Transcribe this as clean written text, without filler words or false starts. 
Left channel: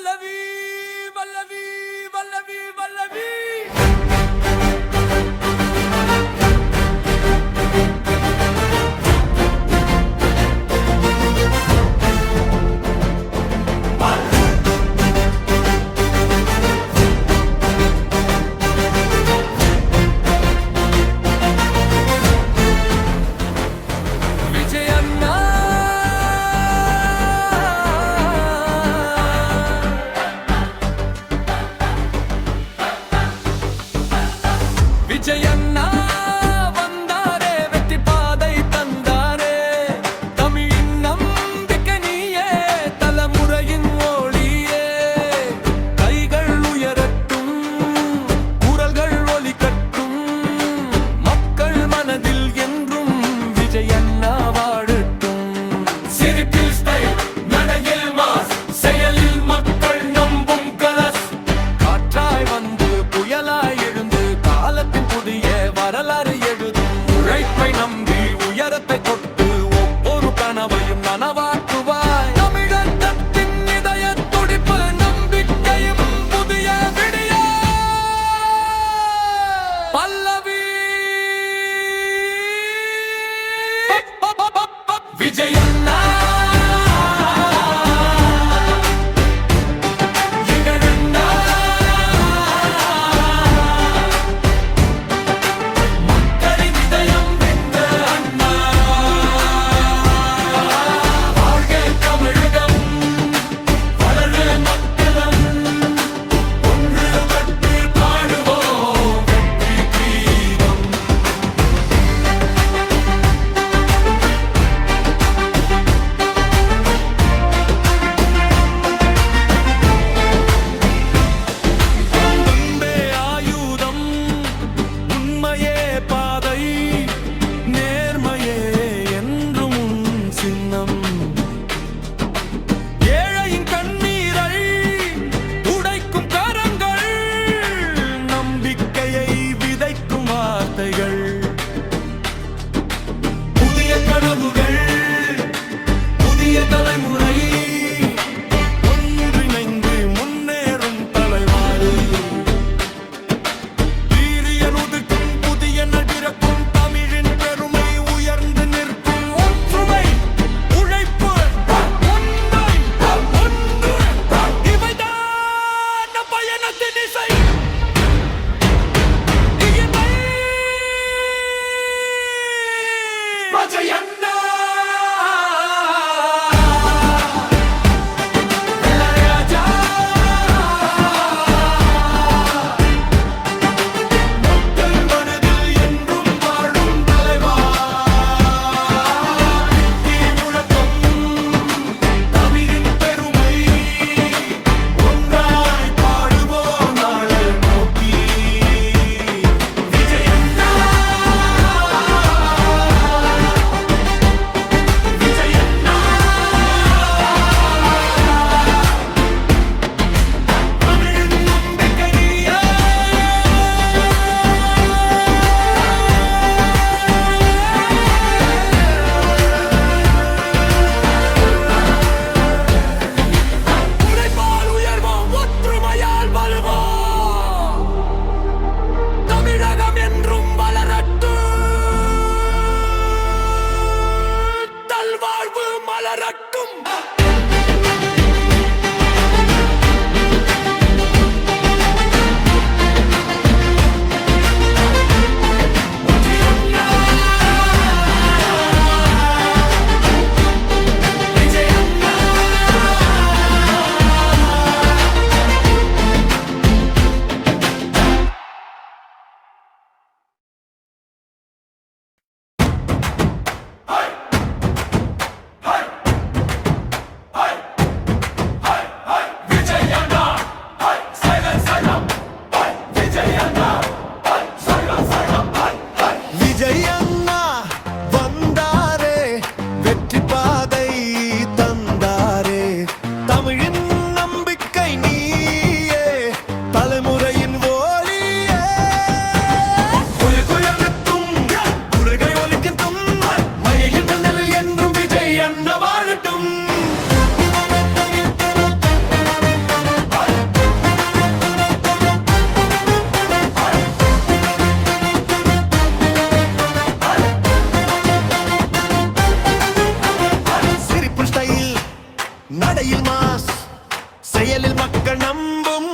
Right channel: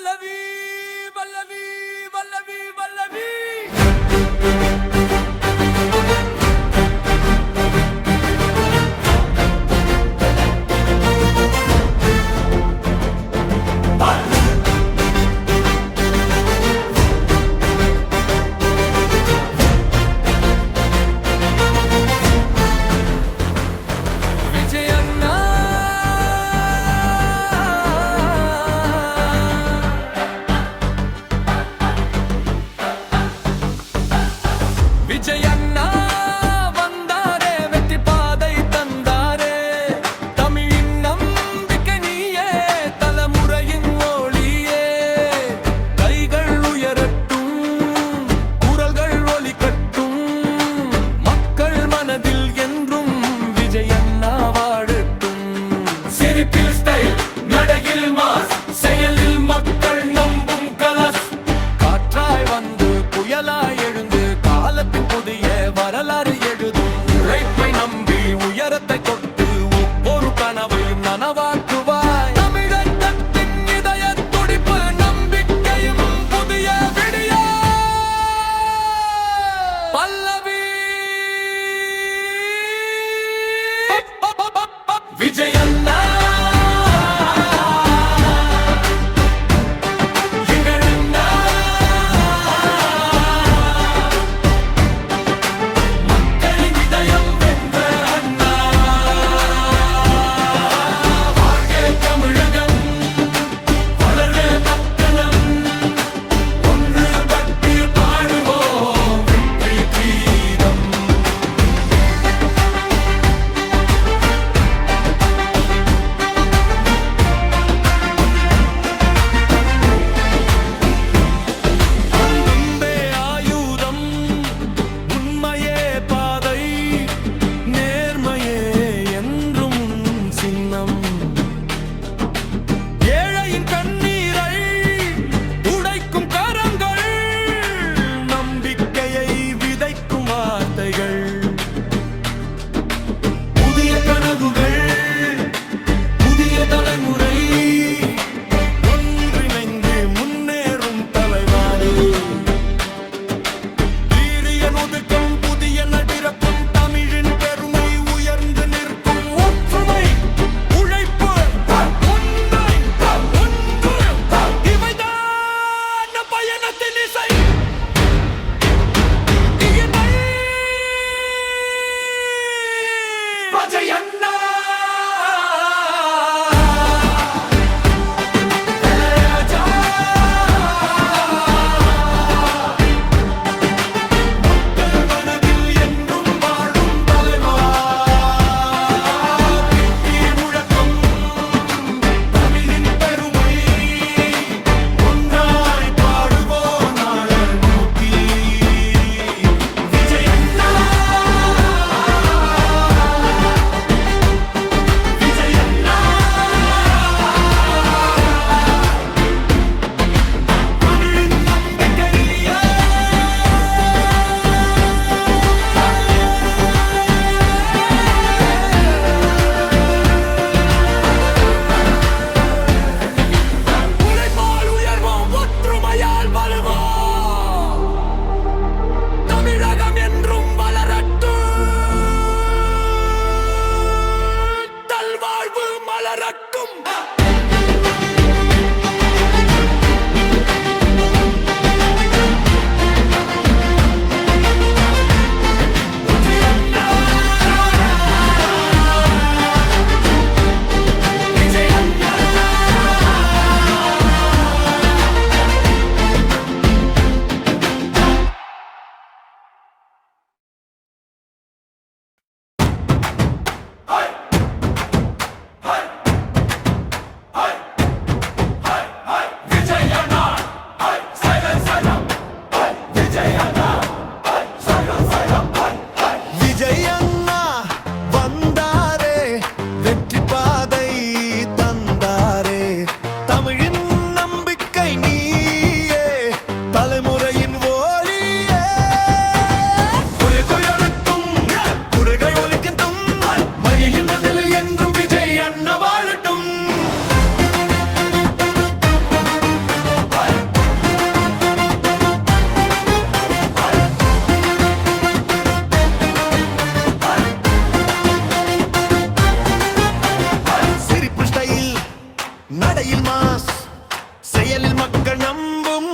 வல்லவி வல்லவி வல்லவி வல்லவி விஜயண்ணா வந்தாரே வெற்றி பாதை தந்தாரே தமிழின் நம்பிக்கை நீயே தலைமுறையின் ஒளியே கைகள் உயரட்டும் குரல்கள் ஒலிக்கட்டும் மக்கள் மனதில் என்றும் விஜயண்ணா வாழட்டும் சிரிப்பில் ஸ்டைல் நடையில் மாஸ் செயலில் மக்கள் நம்பும் கலஸ் காற்றாய் வந்து புயலாய் எழுந்து காலத்தின் புதிய வரலாறு எழுதும் உழைப்பை நம்பி உயரத்தை கொட்டு ஒவ்வொரு கனவையும் நனவாக்குவாய் தமிழகத்தின் இதய துடிப்பு நம்பிக்கையும் புதிய விடிய பல்லவி விஜயண்ணா பாதை நேர்மையே என்றும் சின்னம் ஏழையின் கண்ணீரை துடைக்கும் கரங்கள் நம்பிக்கையை விதைக்கும் வார்த்தைகள் புதிய கனவுகள் புதிய தலைமுறை ஒன்றிணைந்து முன்னேறும் தலைவாரி வீரியனுதுக்கும் புதிய நடிரக்கும் தமிழின் பெருமை உயர்ந்து நிற்கும் ஒற்றுமை உழைப்பு உண்மை ஒன்று இவைதான் பயணத்தின் இசை செயலில் மக்கள் நம்பும்